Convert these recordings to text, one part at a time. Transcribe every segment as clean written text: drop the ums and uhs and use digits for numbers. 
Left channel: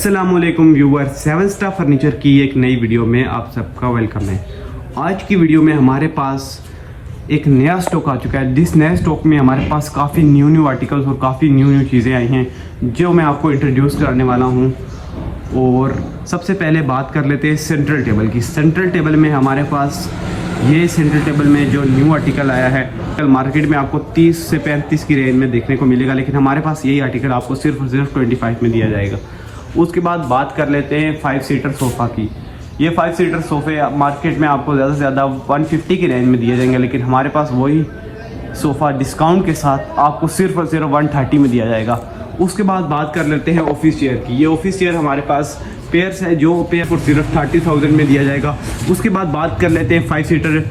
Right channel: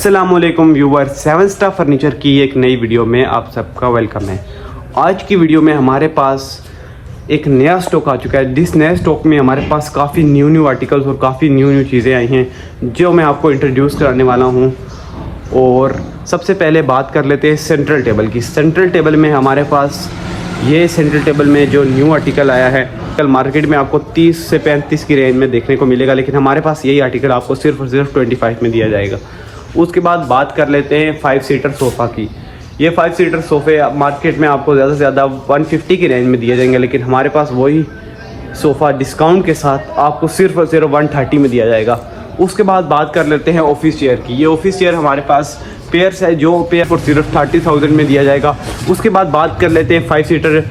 अस्सलामुअलैकुम viewer, 7 star furniture की एक नई वीडियो में आप सबका वेलकम है। आज की वीडियो में हमारे पास एक नया स्टॉक आ चुका है। जिस नए स्टॉक में हमारे पास काफ़ी न्यू आर्टिकल्स और काफ़ी न्यू चीज़ें आई हैं जो मैं आपको इंट्रोड्यूस कराने वाला हूं। और सबसे पहले बात कर लेते हैं सेंट्रल टेबल की। सेंट्रल टेबल में हमारे पास ये सेंट्रल टेबल में जो न्यू आर्टिकल आया है, कल मार्केट में आपको 30 से 35 की रेंज में देखने को मिलेगा, लेकिन हमारे पास यही आर्टिकल आपको सिर्फ और सिर्फ 25 में दिया जाएगा। उसके बाद बात कर लेते हैं 5 सीटर सोफ़ा की। ये 5 सीटर सोफ़े मार्केट में आपको ज़्यादा से ज़्यादा 150 की रेंज में दिए जाएंगे, लेकिन हमारे पास वही सोफ़ा डिस्काउंट के साथ आपको सिर्फ और सिर्फ 130 में दिया जाएगा। उसके बाद बात कर लेते हैं ऑफिस चेयर की। ये ऑफिस चेयर हमारे पास पेयर्स है, जो पेयर को सिर्फ 30,000 में दिया जाएगा। उसके बाद बात कर लेते हैं 5 सीटर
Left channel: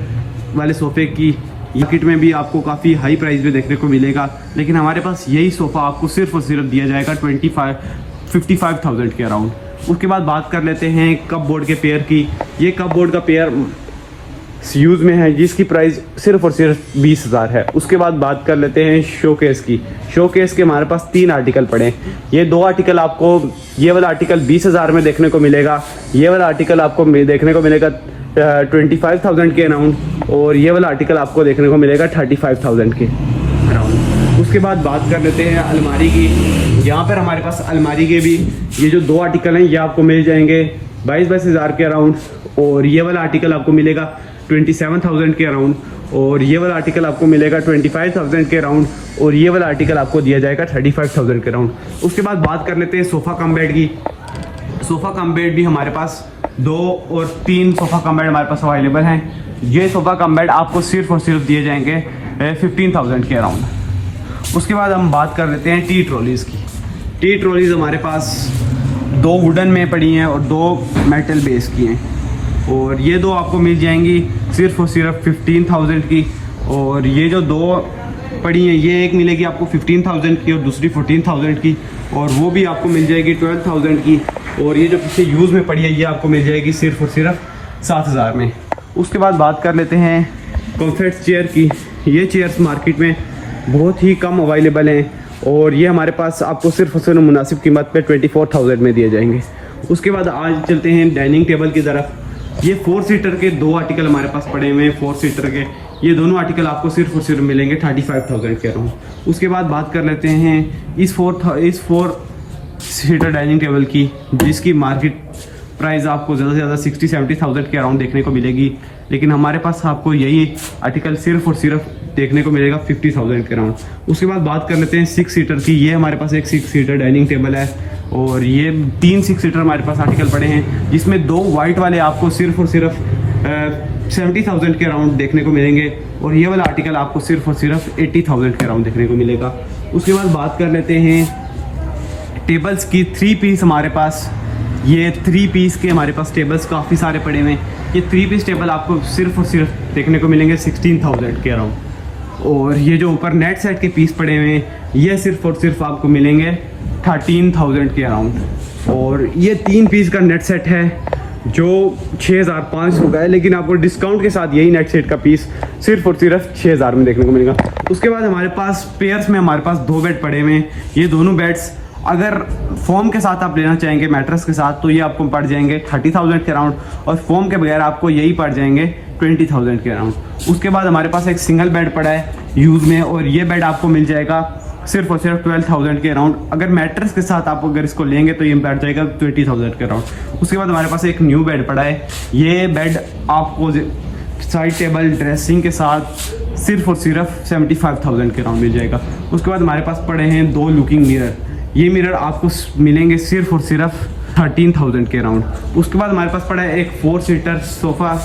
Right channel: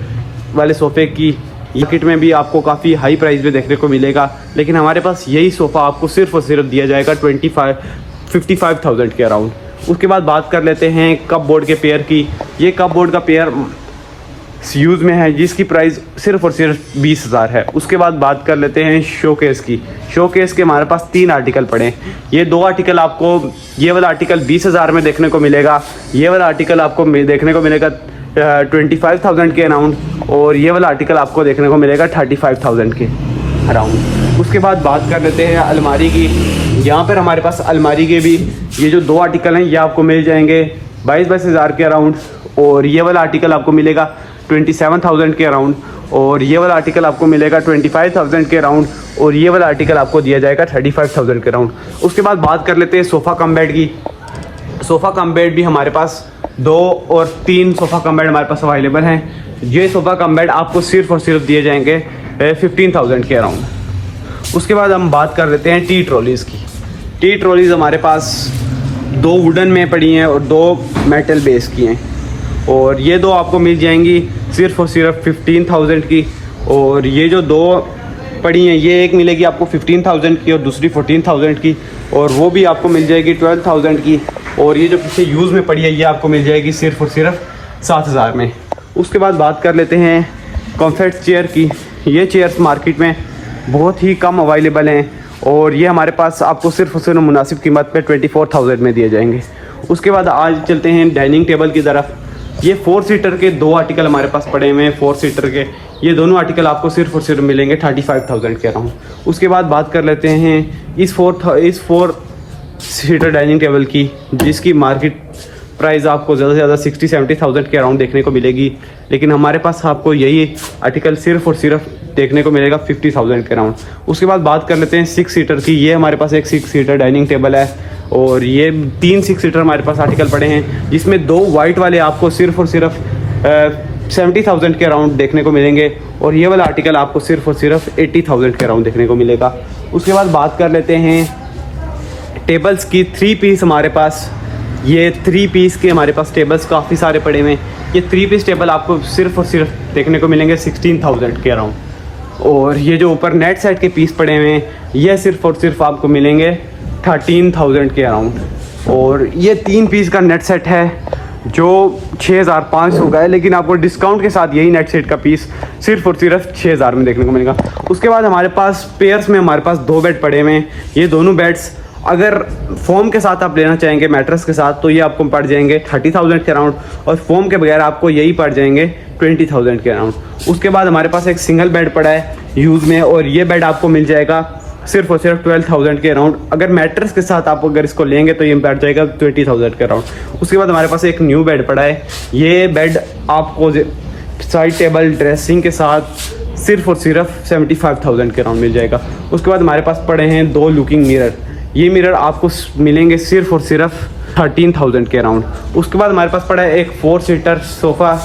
वाले सोफ़े की। ये किट में भी आपको काफ़ी हाई प्राइस में देखने को मिलेगा, लेकिन हमारे पास यही सोफ़ा आपको सिर्फ और सिर्फ दिया जाएगा 55,000 के अराउंड। उसके बाद बात कर लेते हैं कप बोर्ड के पेयर की। ये कप बोर्ड का पेयर यूज़ में है, जिसकी प्राइस सिर्फ और सिर्फ 20,000 है। उसके बाद बात कर लेते हैं शोकेस की। शोकेस के हमारे पास 3 आर्टिकल पड़े हैं। ये 2 आर्टिकल आपको, ये वाला आर्टिकल 20,000 में देखने को मिलेगा। ये वाला आर्टिकल आपको देखने को मिलेगा 25,000 के अराउंड, और ये वाला आर्टिकल आपको देखने को मिलेगा 35,000 के अराउंड। उसके बाद बात कर लेते हैं अलमारी की। यहाँ पर हमारे पास अलमारी के भी ये जो 2 आर्टिकल हैं ये आपको मिल जाएंगे 22,000 के अराउंड, और ये वाला आर्टिकल आपको मिलेगा 27,000 के अराउंड, और ये वाला आर्टिकल आपको मिलेगा 25,000 के अराउंड, और ये वाला आर्टिकल आपको दिया जाएगा 35,000 के अराउंड। उसके बाद बात कर लेते हैं सोफ़ा कम बेड की। सोफ़ा कम बेड भी हमारे पास 2 और 3 सोफ़ा कम बेड हमारे पास अवेलेबल हैं। ये सोफ़ा कम बेड आपको सिर्फ और सिर्फ दिए जाएंगे 15,000 के अराउंड। उसके बाद हम बात कर लेते हैं टी ट्रॉलीज़ की। टी ट्रॉलीज़ हमारे पास 2 वुडन में पड़ी हैं और 2 मेटल बेस की हैं, और ये 2 आपको मिल जाएंगी सिर्फ और सिर्फ 15,000 की। और ये जो 2 पड़ी हैं, ये एक मिलेगी आपको 15,000 की और दूसरी 14,000 की, और वो भी आपको मिल जाएगी 12,000 की। और ये जो पीछे यूज़ में पड़ी है ये आपको मिल जाएगी सिर्फ और सिर्फ 7,000 में। उसके बाद बात कर लेते हैं कम्फर्ट चेयर की। ये चेयर्स मार्केट में बहुत ही कम अवेलेबल हैं, और ये हमारे पास आपको सिर्फ और सिर्फ मुनासिब कीमत पे 24,000 में दिए जाएंगे। उसके बाद आज चलते हैं डाइनिंग टेबल की तरफ। ये 4 सीटर के 2 आर्टिकल हमारे पास पड़े हुए हैं। 4 सीटर के ये दोनों आर्टिकल आपको सिर्फ और सिर्फ मिलेंगे 35,000 के अराउंड। उसके बाद बात कर लेते हैं इस 4 सीटर डाइनिंग टेबल की, जिसकी मार्केट प्राइस आपको ज़्यादा से ज़्यादा 60-70,000 के अराउंड देखने को मिलेगी, लेकिन हमारे पास आपको यही आर्टिकल सिर्फ और सिर्फ देखने को मिलेगा 50,000 के अराउंड। उसके बाद बात कर लेते हैं 6 सीटर की। ये हमारे पास एक 6 सीटर डाइनिंग टेबल है, और ये 3 6 सीटर हमारे पास आर्टिकल पड़े हैं, जिसमें 2 वाइट वाले आपको सिर्फ और सिर्फ 70,000 के अराउंड देखने को मिलेंगे, और ये वाला आर्टिकल आपको सिर्फ और सिर्फ 80,000 के अराउंड देखने को मिलेगा। उसके बाद बात कर लेते हैं टेबल्स की। 3 पीस हमारे पास, ये 3 पीस के हमारे पास टेबल्स काफ़ी सारे पड़े हुए हैं। ये 3 पीस टेबल आपको सिर्फ और सिर्फ देखने को मिलेंगे 16,000 के अराउंड, और ये जो ऊपर नेट सेट के पीस पड़े हुए हैं ये सिर्फ और सिर्फ आपको मिलेंगे 13,000 के अराउंड। और ये 3 पीस का नेट सेट है जो 6,500 का है, लेकिन आपको डिस्काउंट के साथ यही नेट सेट का पीस सिर्फ और सिर्फ 6,000 में देखने को मिलेगा। उसके बाद हमारे पास पेयर्स में हमारे पास 2 बेड पड़े हुए हैं। ये दोनों बेड्स अगर फोम के साथ आप लेना चाहेंगे, मैट्रेस के साथ, तो ये आपको पड़ जाएंगे 30,000 के अराउंड, और फोम के बगैर आपको यही पड़ जाएंगे 20,000 के अराउंड। उसके बाद हमारे पास एक सिंगल बेड पड़ा है यूज़ में, और ये बेड आपको मिल जाएगा सिर्फ और सिर्फ 12,000 के अराउंड। अगर मैट्रेस के साथ आप अगर इसको लेंगे तो ये पड़ जाएगा 20,000 के अराउंड। उसके बाद हमारे पास एक न्यू बेड पड़ा है। ये बेड आपको साइड टेबल ड्रेसिंग के साथ सिर्फ और सिर्फ 75,000 के अराउंड मिल जाएगा। उसके बाद हमारे पास पड़े हैं 2 लुकिंग मिरर। ये मिरर आपको मिलेंगे सिर्फ और सिर्फ 13,000 के अराउंड। उसके बाद हमारे पास पड़ा है एक 4 सीटर सोफ़ा,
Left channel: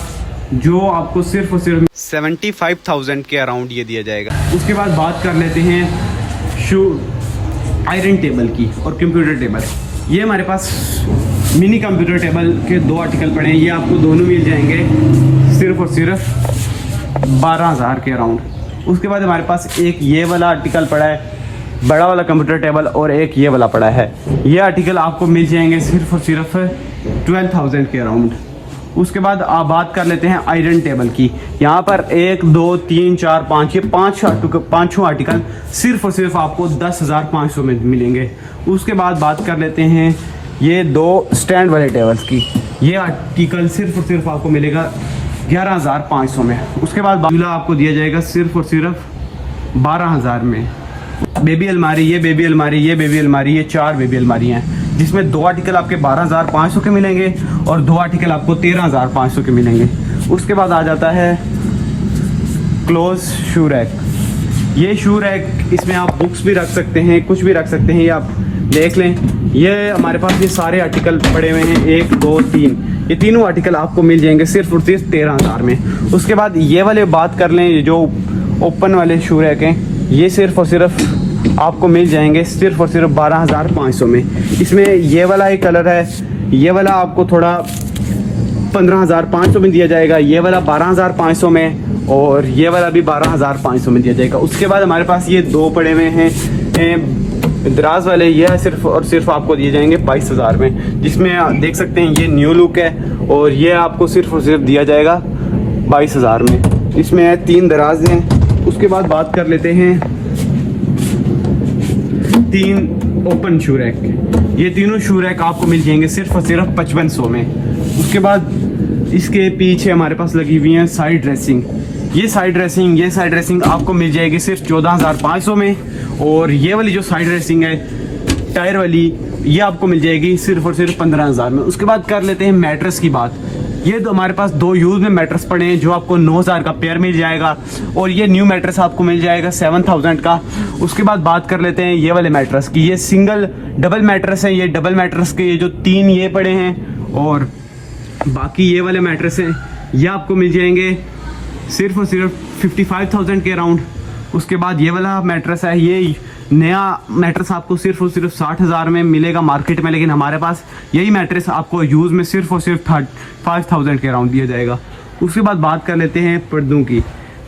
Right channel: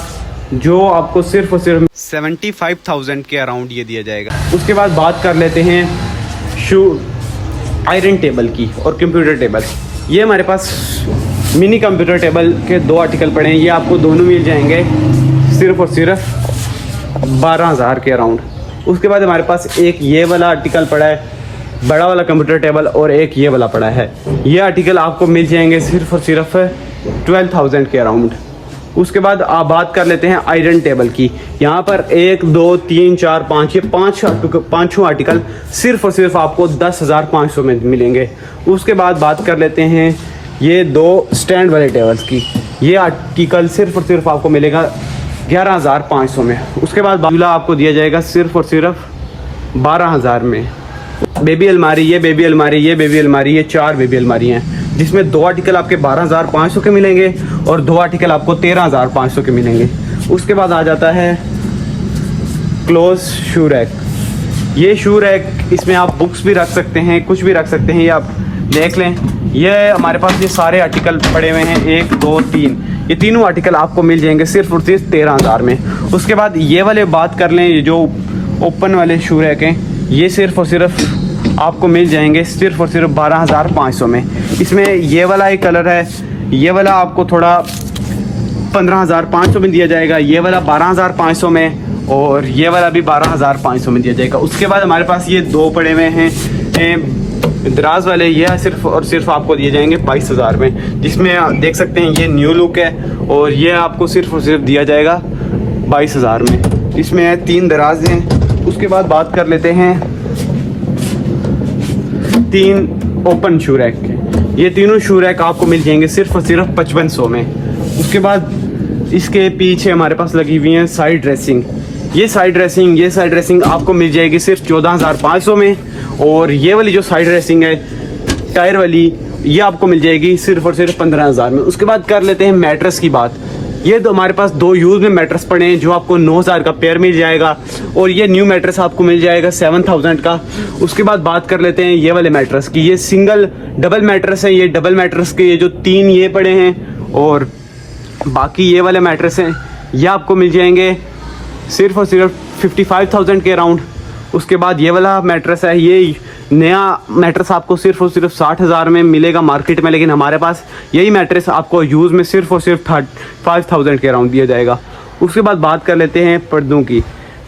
जो आपको सिर्फ और सिर्फ 75,000 के अराउंड ये दिया जाएगा। उसके बाद बात कर लेते हैं आयरन टेबल की और कंप्यूटर टेबल। ये हमारे पास मिनी कंप्यूटर टेबल के 2 आर्टिकल पड़े हैं। ये आपको दोनों मिल जाएंगे सिर्फ और सिर्फ 12,000 के अराउंड। उसके बाद हमारे पास एक ये वाला आर्टिकल पड़ा है, बड़ा वाला कंप्यूटर टेबल, और एक ये वाला पड़ा है। ये आर्टिकल आपको मिल जाएंगे सिर्फ और सिर्फ 12,000 के अराउंड। उसके बाद आप बात कर लेते हैं आयरन टेबल की। यहाँ पर 1 2 3 4 5 ये पाँचों आर्टिकल सिर्फ और सिर्फ आपको 10,500 में मिलेंगे। उसके बाद बात कर लेते हैं ये 2 स्टैंड वाले टेबल्स की, ये आर्टिकल सिर्फ और सिर्फ आपको मिलेगा 11,500 में। उसके बाद झूला आपको दिया जाएगा सिर्फ और सिर्फ 12,000 में। बेबी अलमारी, ये बेबी अलमारी, ये बेबी अलमारी, ये 4 बेबी अलमारी हैं, जिसमें 2 आर्टिकल आपके 12,500 के मिलेंगे और 2 आर्टिकल आपको 13,500 के मिलेंगे। उसके बाद आ जाता है क्लोज शू रैक। ये शू रैक, इसमें आप बुक्स भी रख सकते हैं, कुछ भी रख सकते हैं। ये आप देख लें, ये हमारे पास ये सारे आर्टिकल पड़े हुए हैं, 1 2 3, ये तीनों आर्टिकल आपको मिल जाएंगे सिर्फ और सिर्फ 13,000 में। उसके बाद ये वाले बात कर लें, जो ओपन वाले शू रैक हैं, ये सिर्फ और सिर्फ आपको मिल जाएंगे सिर्फ और सिर्फ 12,500 में। इसमें ये वाला एक कलर है, ये वाला आपको थोड़ा 15,500 में दिया जाएगा, ये वाला 12,500 में, और ये वाला भी 12,500 में दिया जाएगा। उसके बाद हमारे पास ये 2 पड़े हुए हैं दराज वाले, ये सिर्फ और सिर्फ आपको दिए जाएंगे 22,000 में, जिसमें आप देख सकते हैं ये न्यू लुक है, और ये आपको सिर्फ और सिर्फ दिया जाएगा 22,000 में। इसमें 3 दराज हैं। उसके बाद बात कर लेते हैं 3 ओपन शू रैक के। ये तीनों शू रैक आपको मिल जाएंगे सिर्फ और सिर्फ 5500 में। उसके बाद इसके पीछे हमारे पास लगी हुई है साइड ड्रेसिंग। ये साइड ड्रेसिंग आपको मिल जाएगी सिर्फ 14,500 में, और ये वाली जो साइड ड्रेसिंग है टायर वाली, ये आपको मिल जाएगी सिर्फ और सिर्फ 15,000 में। उसके बाद कर लेते हैं मैट्रेस की बात। ये तो हमारे पास 2 यूज में मैट्रेस पड़े हैं, जो आपको 9,000 का पेयर मिल जाएगा, और ये न्यू मैट्रेस आपको मिल जाएगा 7,000 का। उसके बाद बात कर लेते हैं ये वाले मैट्रेस की। ये सिंगल डबल मैट्रेस है, ये डबल मैट्रेस के ये जो 3 ये पड़े हैं, और बाकी ये वाले मैट्रेस हैं, ये आपको मिल जाएंगे सिर्फ और सिर्फ 55,000 के अराउंड। उसके बाद ये वाला मैट्रेस है, ये नया मैट्रेस आपको सिर्फ और सिर्फ 60,000 में मिलेगा मार्केट में, लेकिन हमारे पास यही मैट्रेस आपको यूज़ में सिर्फ और सिर्फ 35,000 के अराउंड दिया जाएगा। उसके बाद बात कर लेते हैं पर्दों की।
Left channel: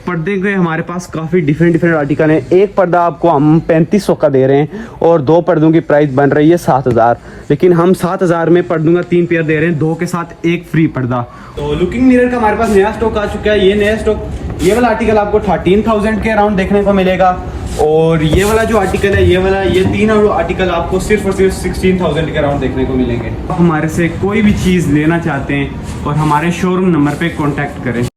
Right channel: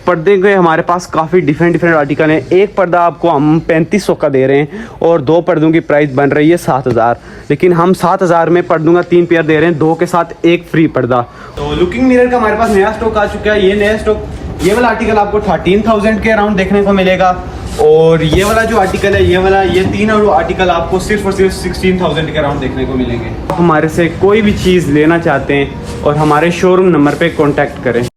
पर्दे के हमारे पास काफ़ी डिफरेंट आर्टिकल हैं। एक पर्दा आपको हम 3500 का दे रहे हैं, और 2 पर्दों की प्राइस बन रही है 7,000, लेकिन हम 7,000 में पर्दों का 3 पेयर दे रहे हैं, 2 के साथ 1 फ्री पर्दा। तो लुकिंग मिरर का हमारे पास नया स्टॉक आ चुका है। ये नया स्टॉक, ये वाला आर्टिकल आपको 13,000 के अराउंड देखने को मिलेगा, और ये वाला जो आर्टिकल है, ये 3 आर्टिकल आपको सिर्फ और सिर्फ 16,000 के अराउंड देखने को मिलेंगे। हमारे से कोई भी चीज़ लेना चाहते हैं और हमारे शोरूम नंबर पे कांटेक्ट करें।